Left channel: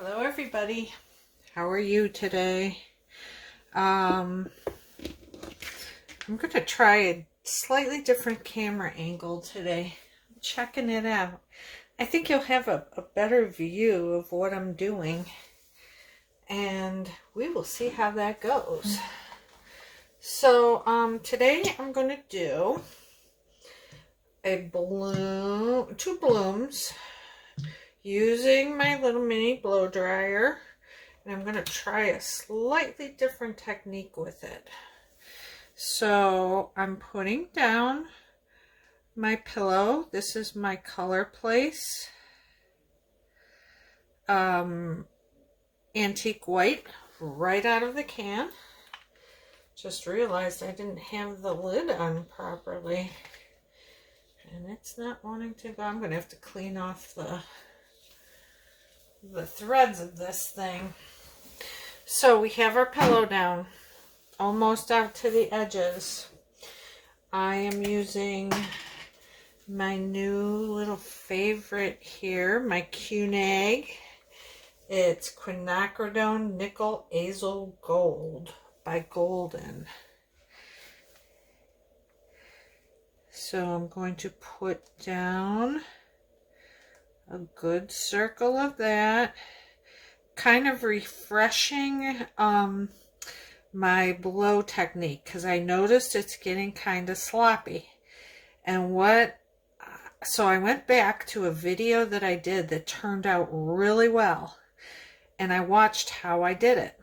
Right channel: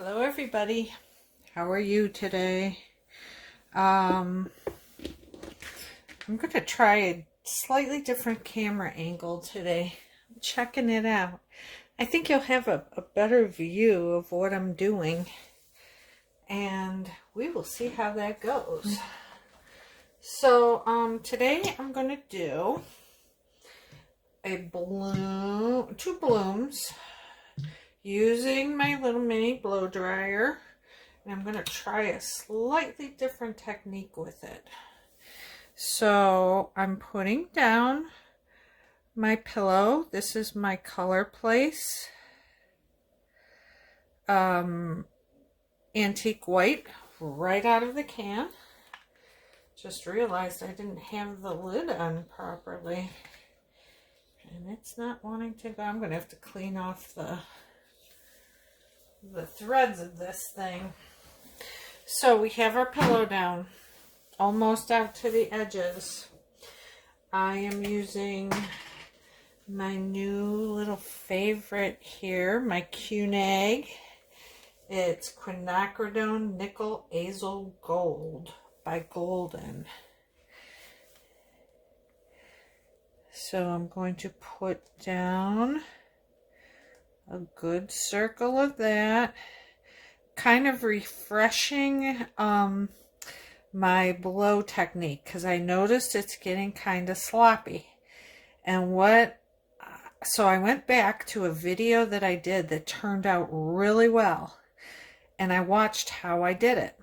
Hello everybody, how are you today? I'm going to try a slightly different camera angle today. I'm checking it out. I think you'll have a better view of what I'm doing, and we will see how that goes. So today I'm going to do a bloom, two blooms, using my little mini blow dryer, and I'm going to try a slightly different technique with it. So I'm putting down my pillow. This is my Color Place antique white, right out of the can. Just realized I didn't have the lid on properly, and it's not wanting to go. I'm going to have to clean off the threads of this thing. So we have our pillow down almost out to the edges. I am using my new little favorite here, my Quinag. It's Quinacridone Nickel Azel Gold by Golden. So I'm going to put down a good circle of that, kind of refreshing my blow technique, because I noticed it's getting kind of sloppy. And so I went back to a video that I did that turned out really well, and I watched how I did it.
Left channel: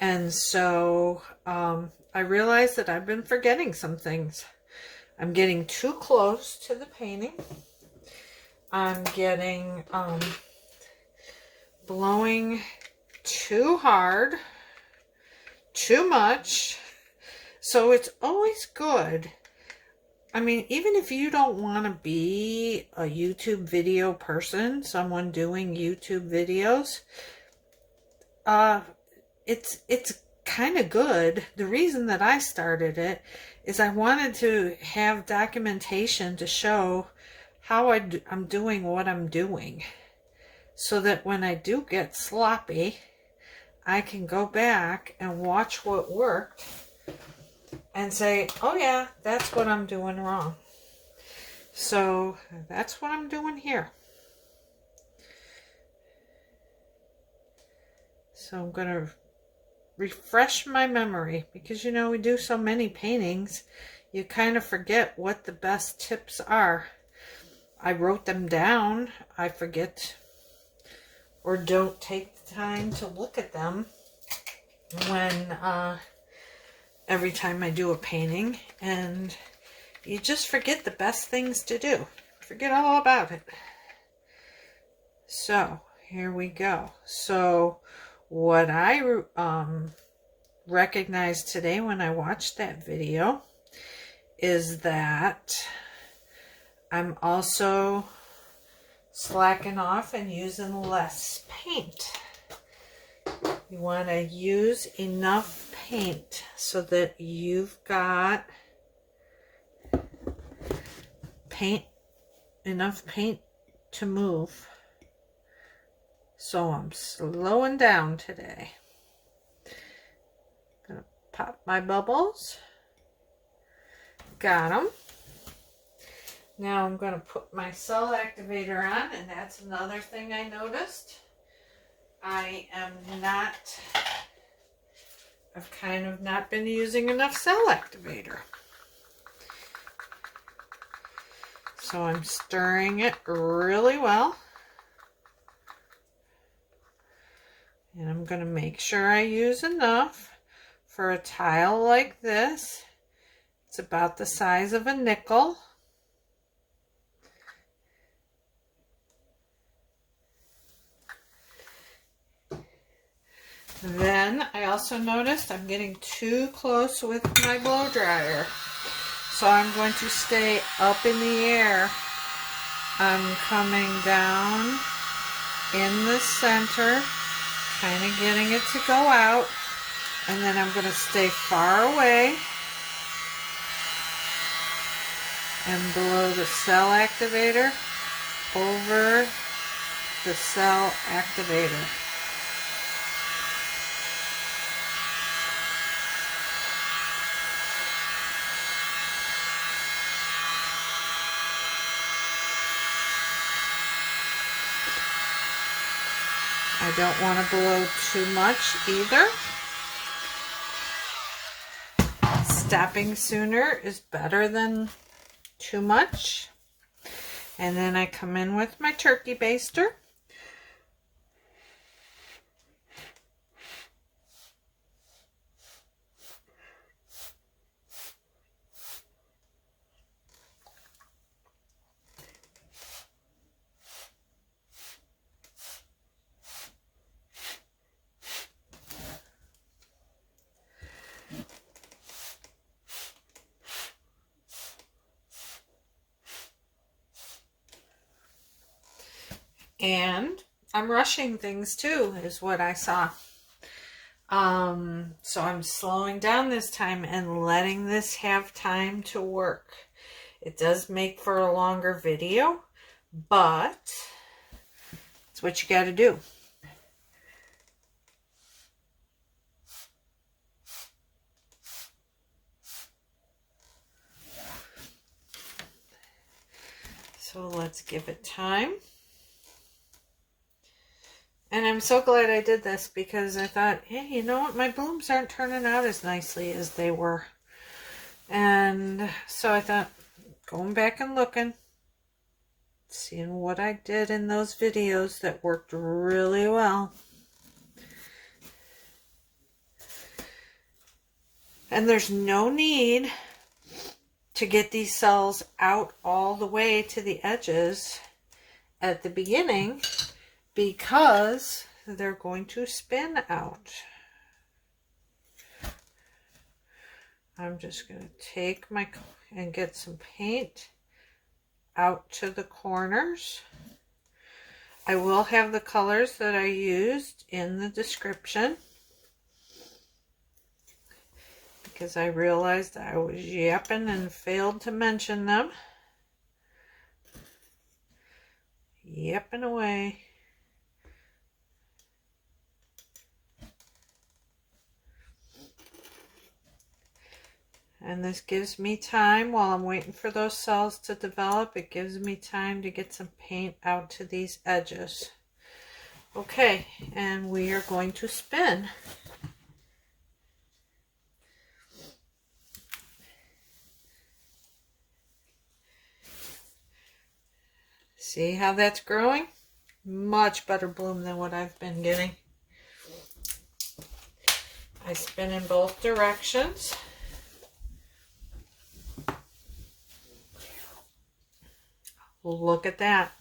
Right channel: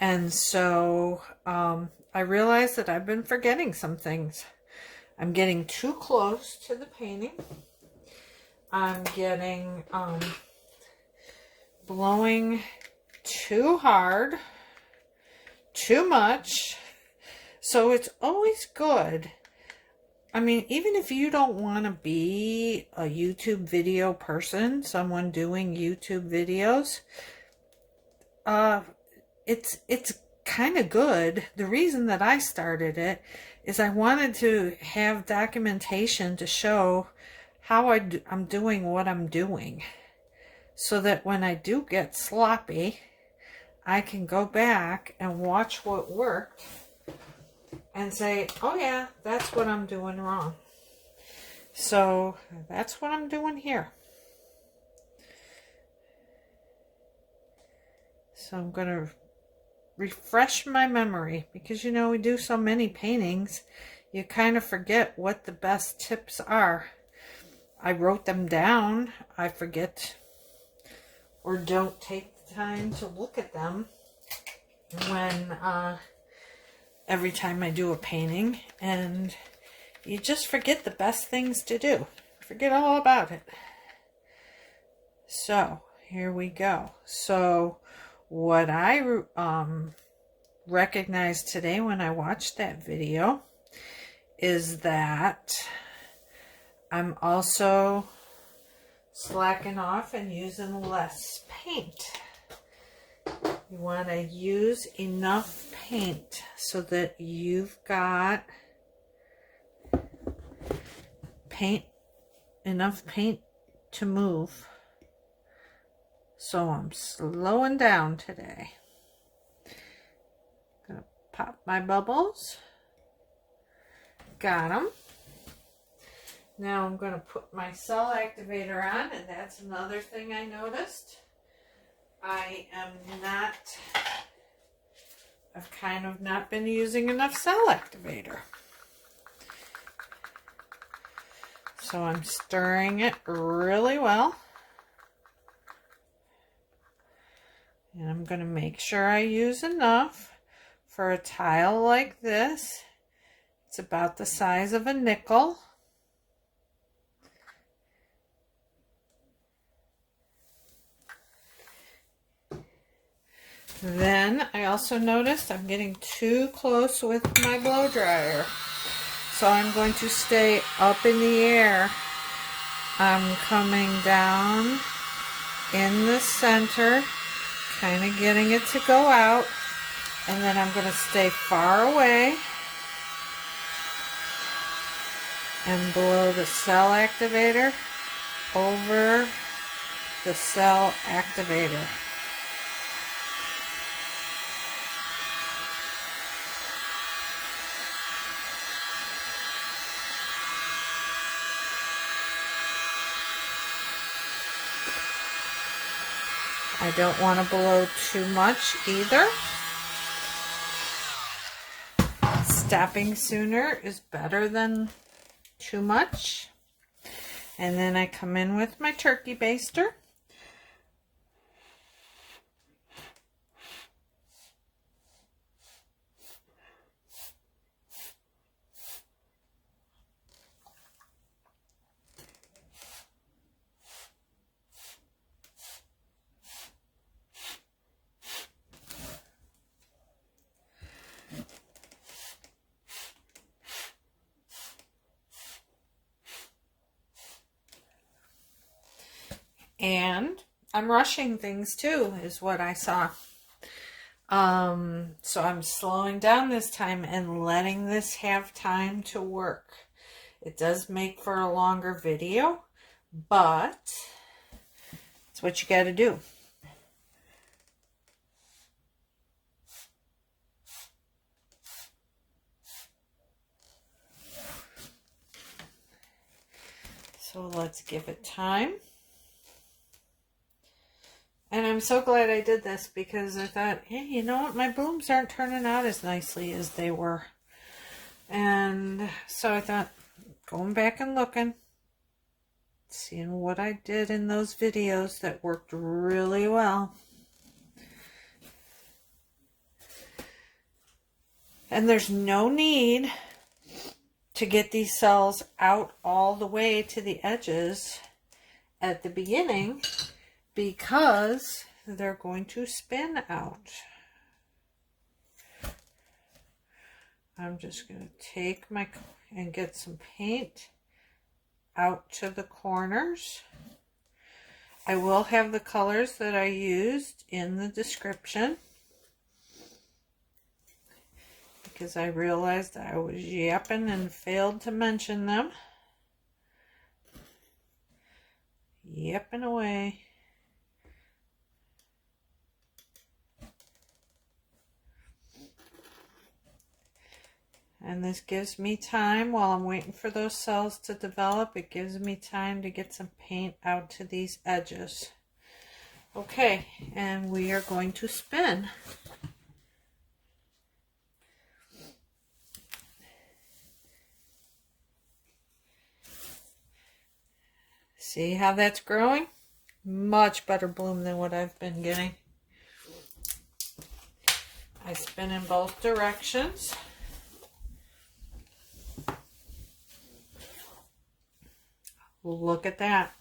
And so I realized that I've been forgetting some things. I'm getting too close to the painting. I'm getting blowing too hard, too much. So it's always good. I mean, even if you don't want to be a YouTube video person, someone doing YouTube videos, it's kind of good. The reason that I started it is I wanted to have documentation to show how I'm doing what I'm doing, so that when I do get sloppy, I can go back and watch what worked and say, oh yeah, that's what I'm doing wrong. So that's what I'm doing here. So I'm going to refresh my memory, because you know, we do so many paintings, you kind of forget what the best tips are. I wrote them down, I forget or don't take the time to look at them when every time I do a painting, and you just forget the best things to do. Forget all about it. So here we go. So what I recognized today when I watched that video is that I'm also slacking off and using less paint. You want to use enough paint so that you've got enough paint to move. So I'm slowing down today. Gonna pop my bubbles. Got them. Now I'm going to put my cell activator on, and that's another thing I noticed. I've kind of not been using enough cell activator. So I'm stirring it really well. And I'm going to make sure I use enough for a tile like this. It's about the size of a nickel. Then I also noticed I'm getting too close with my blow dryer. So I'm going to stay up in the air. I'm coming down in the center, kind of getting it to go out, and then I'm going to stay far away and blow the cell activator over the cell activator. I don't want to blow too much either. Stopping sooner is better than too much. And then I come in with my turkey baster. And I'm rushing things too, is what I saw. So I'm slowing down this time and letting this have time to work. It does make for a longer video, but it's what you got to do. So let's give it time. And I'm so glad I did this because I thought, hey, you know what? My blooms aren't turning out as nicely as they were. And so I thought, going back and looking, seeing what I did in those videos that worked really well. And there's no need to get these cells out all the way to the edges at the beginning, because they're going to spin out. I'm just going to take and get some paint out to the corners. I will have the colors that I used in the description, because I realized I was yapping and failed to mention them. Yapping away. And this gives me time, while I'm waiting for those cells to develop, it gives me time to get some paint out to these edges. Okay, and we are going to spin. See how that's growing? Much better bloom than what I've been getting. I spin in both directions. Look at that.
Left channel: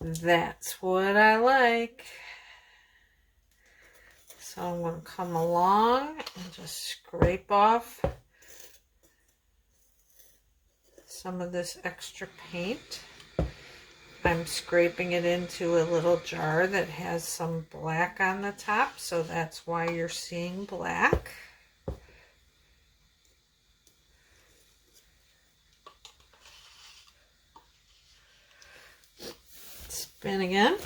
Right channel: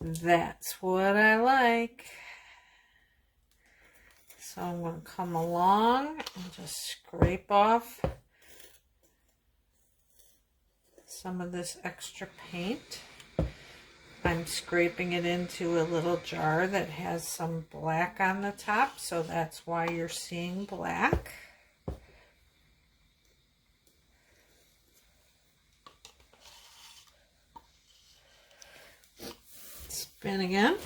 That's what I like. So I'm going to come along and just scrape off some of this extra paint. I'm scraping it into a little jar that has some black on the top, so that's why you're seeing black. Spin again.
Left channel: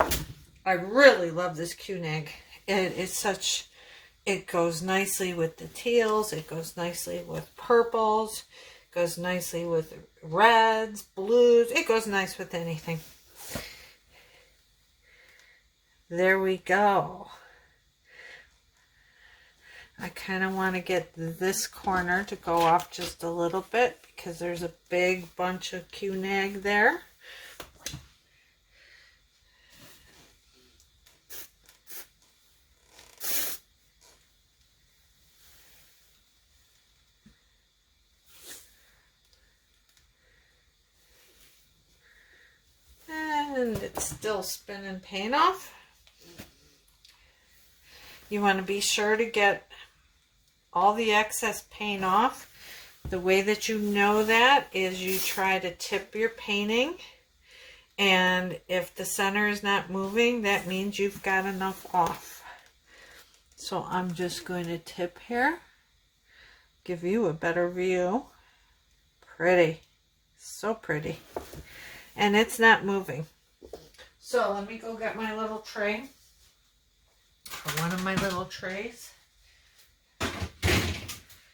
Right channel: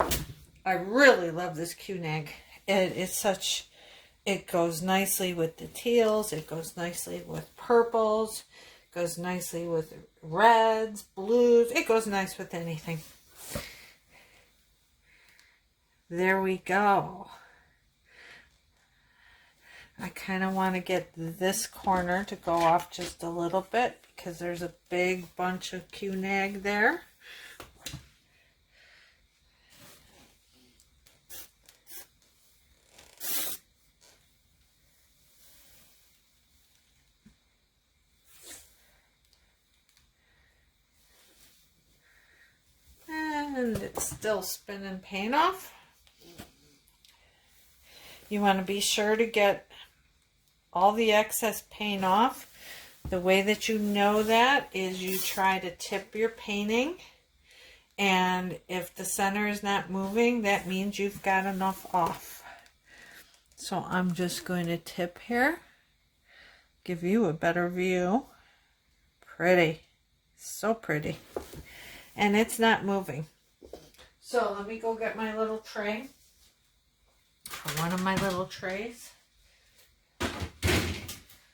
I really love this Quinag. It goes nicely with the teals, it goes nicely with purples, it goes nicely with reds, blues, it goes nice with anything. There we go. I kind of want to get this corner to go off just a little bit because there's a big bunch of Quinag there. And it's still spinning paint off. You want to be sure to get all the excess paint off. The way that you know that is you try to tip your painting, and if the center is not moving, that means you've got enough off. So I'm just going to tip here, give you a better view. Pretty, so pretty, and it's not moving. So let me go get my little tray. One of my little trays.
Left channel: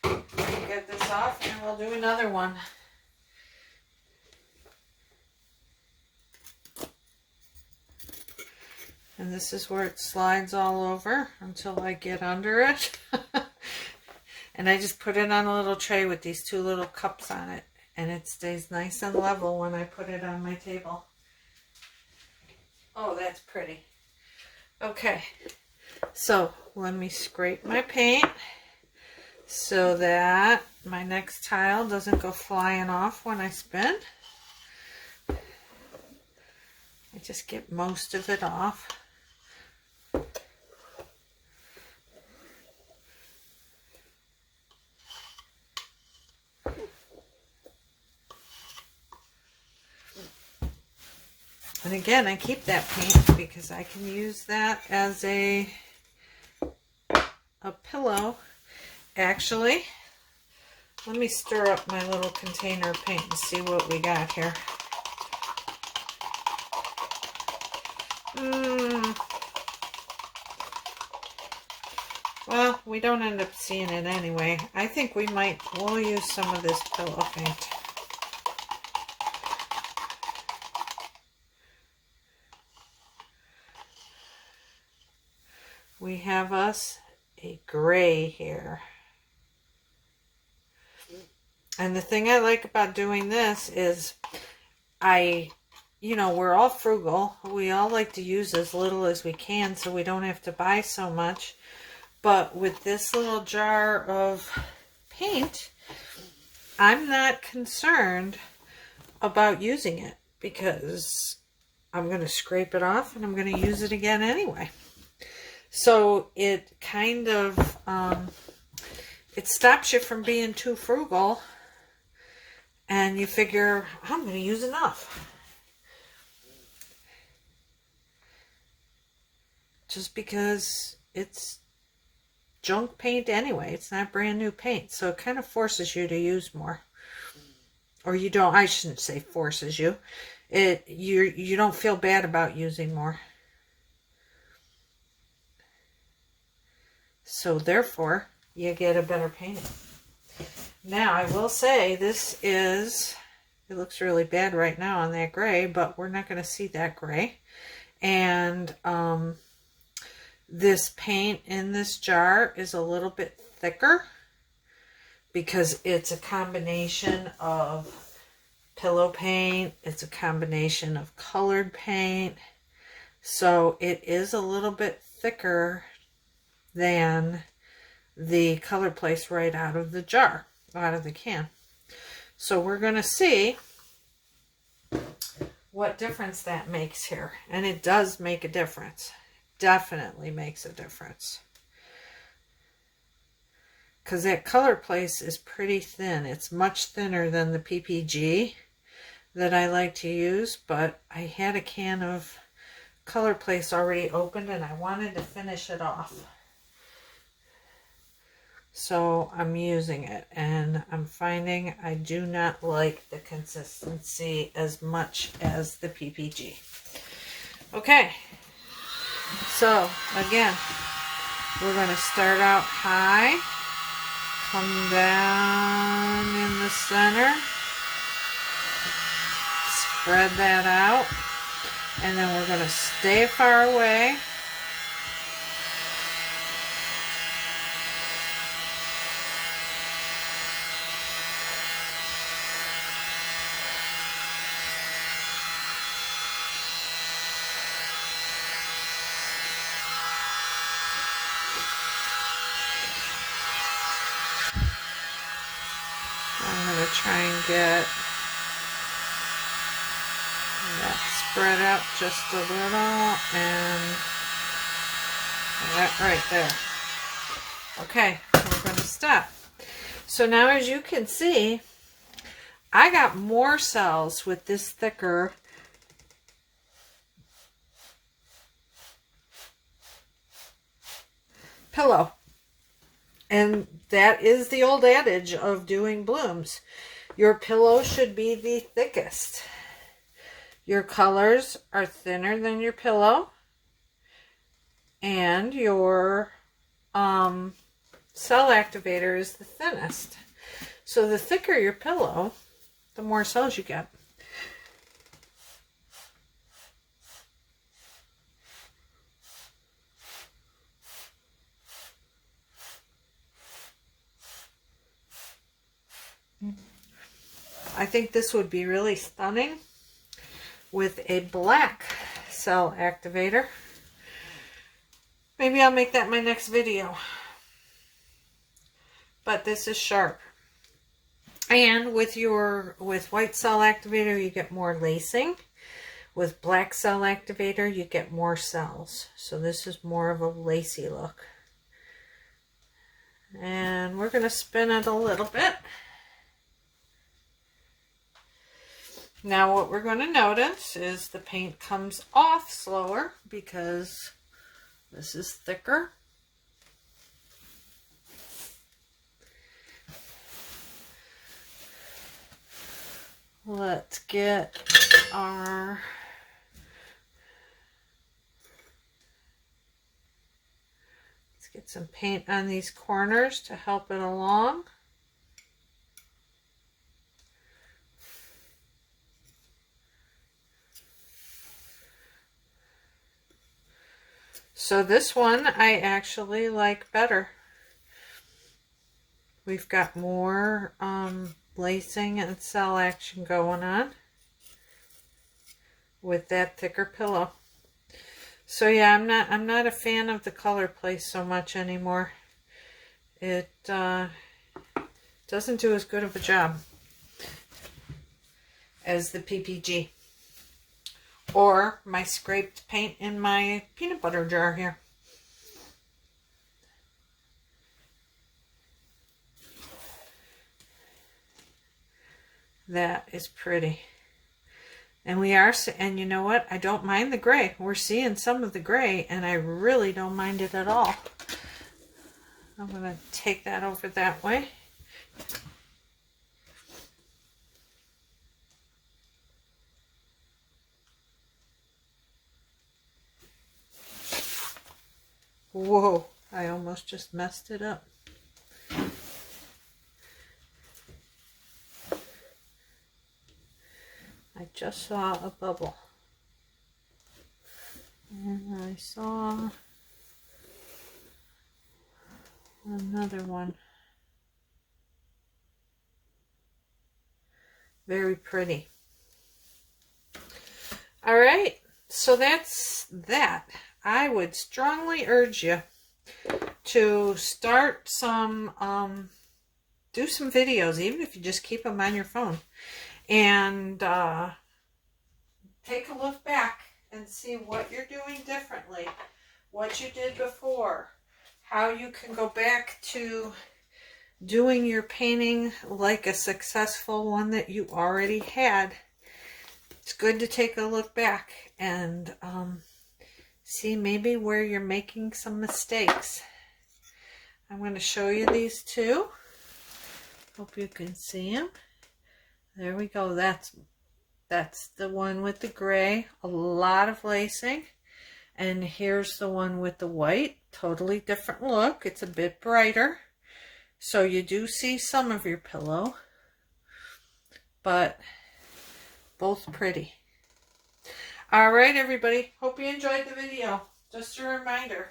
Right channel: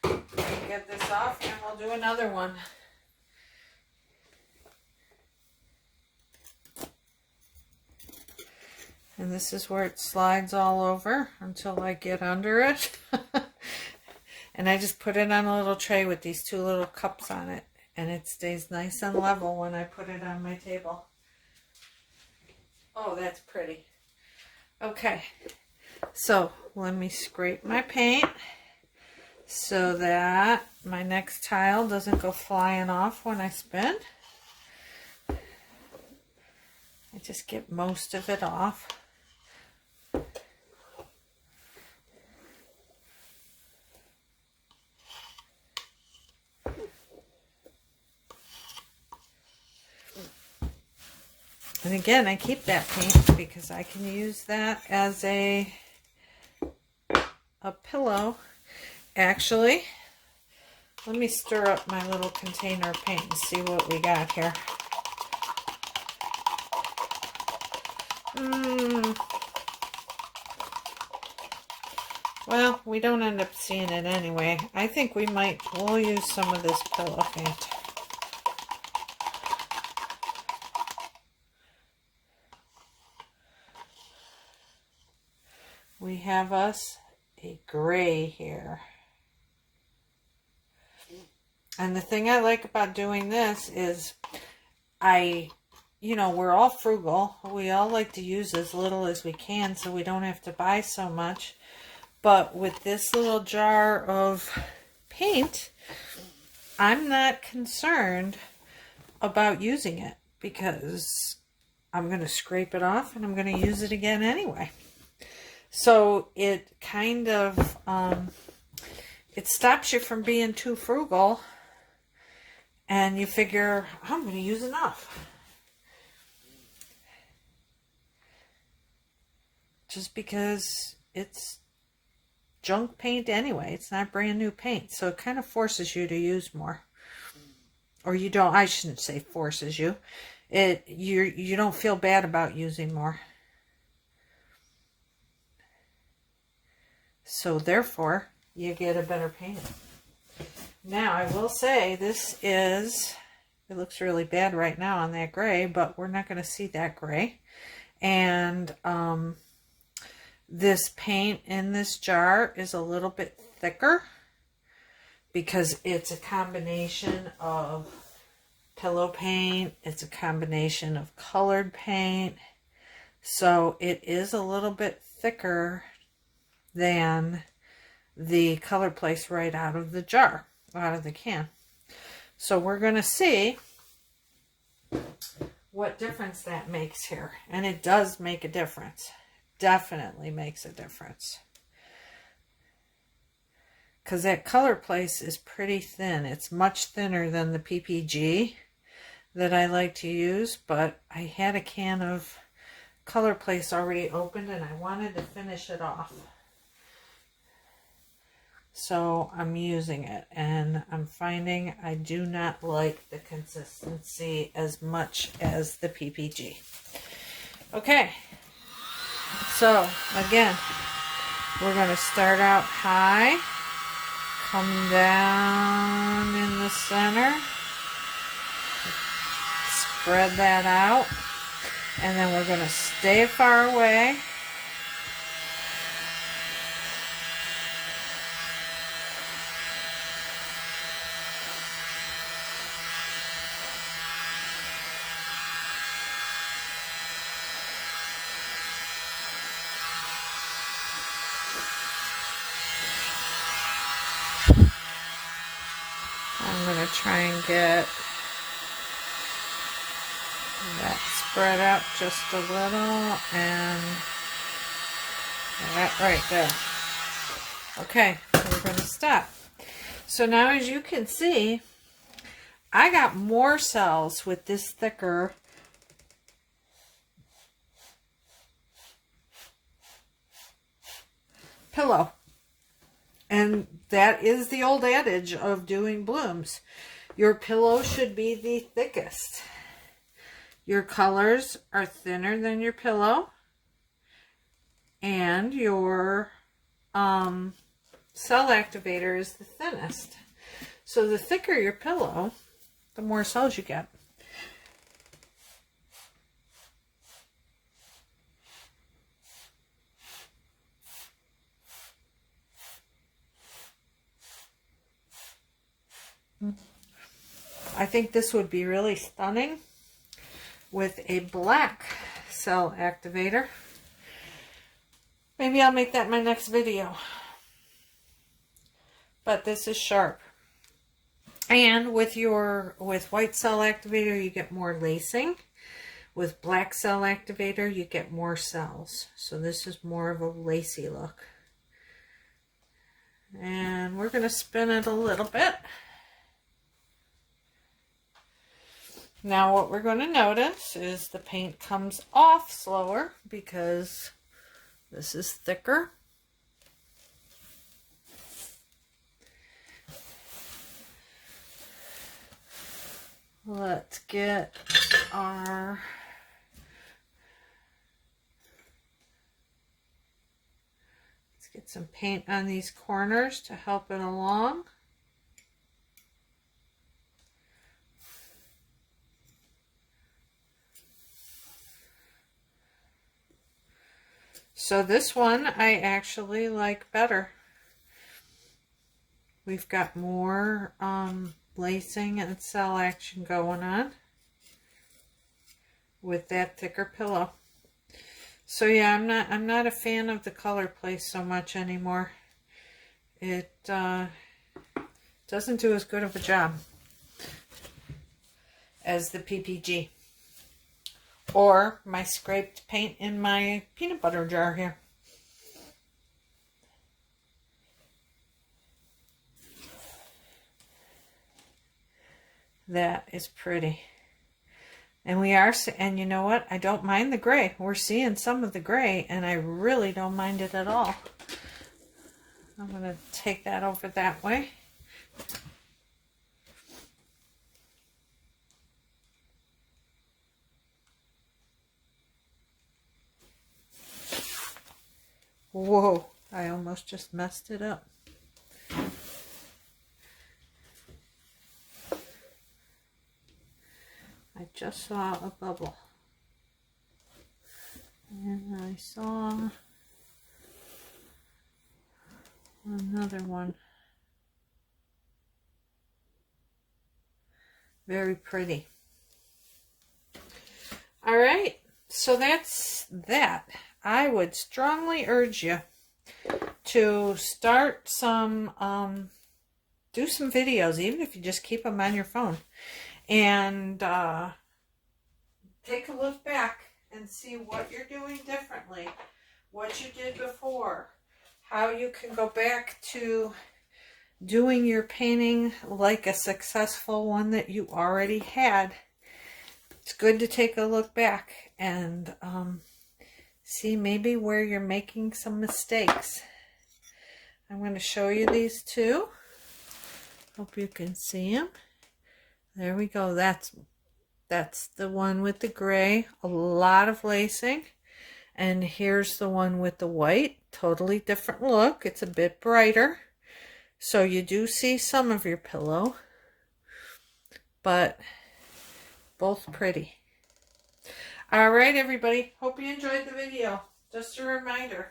Get this off and we'll do another one. And this is where it slides all over until I get under it. And I just put it on a little tray with these two little cups on it. And it stays nice and level when I put it on my table. Oh, that's pretty. Okay, so let me scrape my paint so that my next tile doesn't go flying off when I spin. I just get most of it off. And again, I keep that paint because I can use that as a pillow. Actually, let me stir up my little container of paint and see what we got here. Well, we don't end up seeing it anyway. I think we'll use some of this pillow paint. We have us a gray here. And the thing I like about doing this is we're all frugal. We all like to use as little as we can so we don't have to buy so much. But with this little jar of paint, I'm not concerned about using it because I'm going to scrape it off and I'm going to use it again anyway. So it kind of, it stops you from being too frugal and you figure, I'm going to use enough. Just because it's junk paint anyway. It's not brand new paint. So it kind of forces you to use more. Or you don't, I shouldn't say forces you. You don't feel bad about using more. So therefore, you get a better painting. Now, I will say it looks really bad right now on that gray, but we're not going to see that gray. And this paint in this jar is a little bit thicker because it's a combination of pillow paint. It's a combination of colored paint. So it is a little bit thicker than the color place right out of the jar, out of the can. So we're going to see what difference that makes here. And it does make a difference. Definitely makes a difference. Because that color place is pretty thin. It's much thinner than the PPG that I like to use, but I had a can of color place already opened and I wanted to finish it off. So I'm using it and I'm finding I do not like the consistency as much as the PPG. Okay, so again, we're going to start out high, come down in the center, spread that out, and then we're going to stay far away. Try and get that spread up just a little and that right there. Okay, we're going to stop. So now as you can see, I got more cells with this thicker pillow. And that is the old adage of doing blooms. Your pillow should be the thickest. Your colors are thinner than your pillow, and your cell activator is the thinnest. So the thicker your pillow, the more cells you get. I think this would be really stunning with a black cell activator. Maybe I'll make that my next video. But this is sharp. And with white cell activator, you get more lacing. With black cell activator, you get more cells. So this is more of a lacy look. And we're going to spin it a little bit. Now what we're going to notice is the paint comes off slower because this is thicker. Let's get some paint on these corners to help it along. So this one I actually like better. We've got more lacing and cell action going on with that thicker pillow. So yeah, I'm not a fan of the color play so much anymore. It doesn't do as good of a job as the PPG. Or my scraped paint in my peanut butter jar here. That is pretty. And and you know what? I don't mind the gray. We're seeing some of the gray, and I really don't mind it at all. I'm going to take that over that way. Whoa, I almost just messed it up. I just saw a bubble. And I saw another one. Very pretty. All right, so that's that. I would strongly urge you to start some, do some videos, even if you just keep them on your phone, and take a look back and see what you're doing differently, what you did before, how you can go back to doing your painting like a successful one that you already had. It's good to take a look back and see maybe where you're making some mistakes. I'm going to show you these two. Hope you can see them. There we go. That's the one with the gray, a lot of lacing. And here's the one with the white, totally different look. It's a bit brighter. So you do see some of your pillow, but both pretty. All right, everybody. Hope you enjoyed the video. Just a reminder,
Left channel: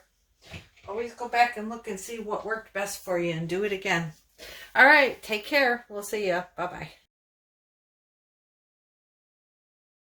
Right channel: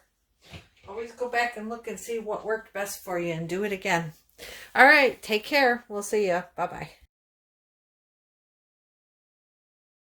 always go back and look and see what worked best for you and do it again. All right, take care. We'll see you. Bye-bye.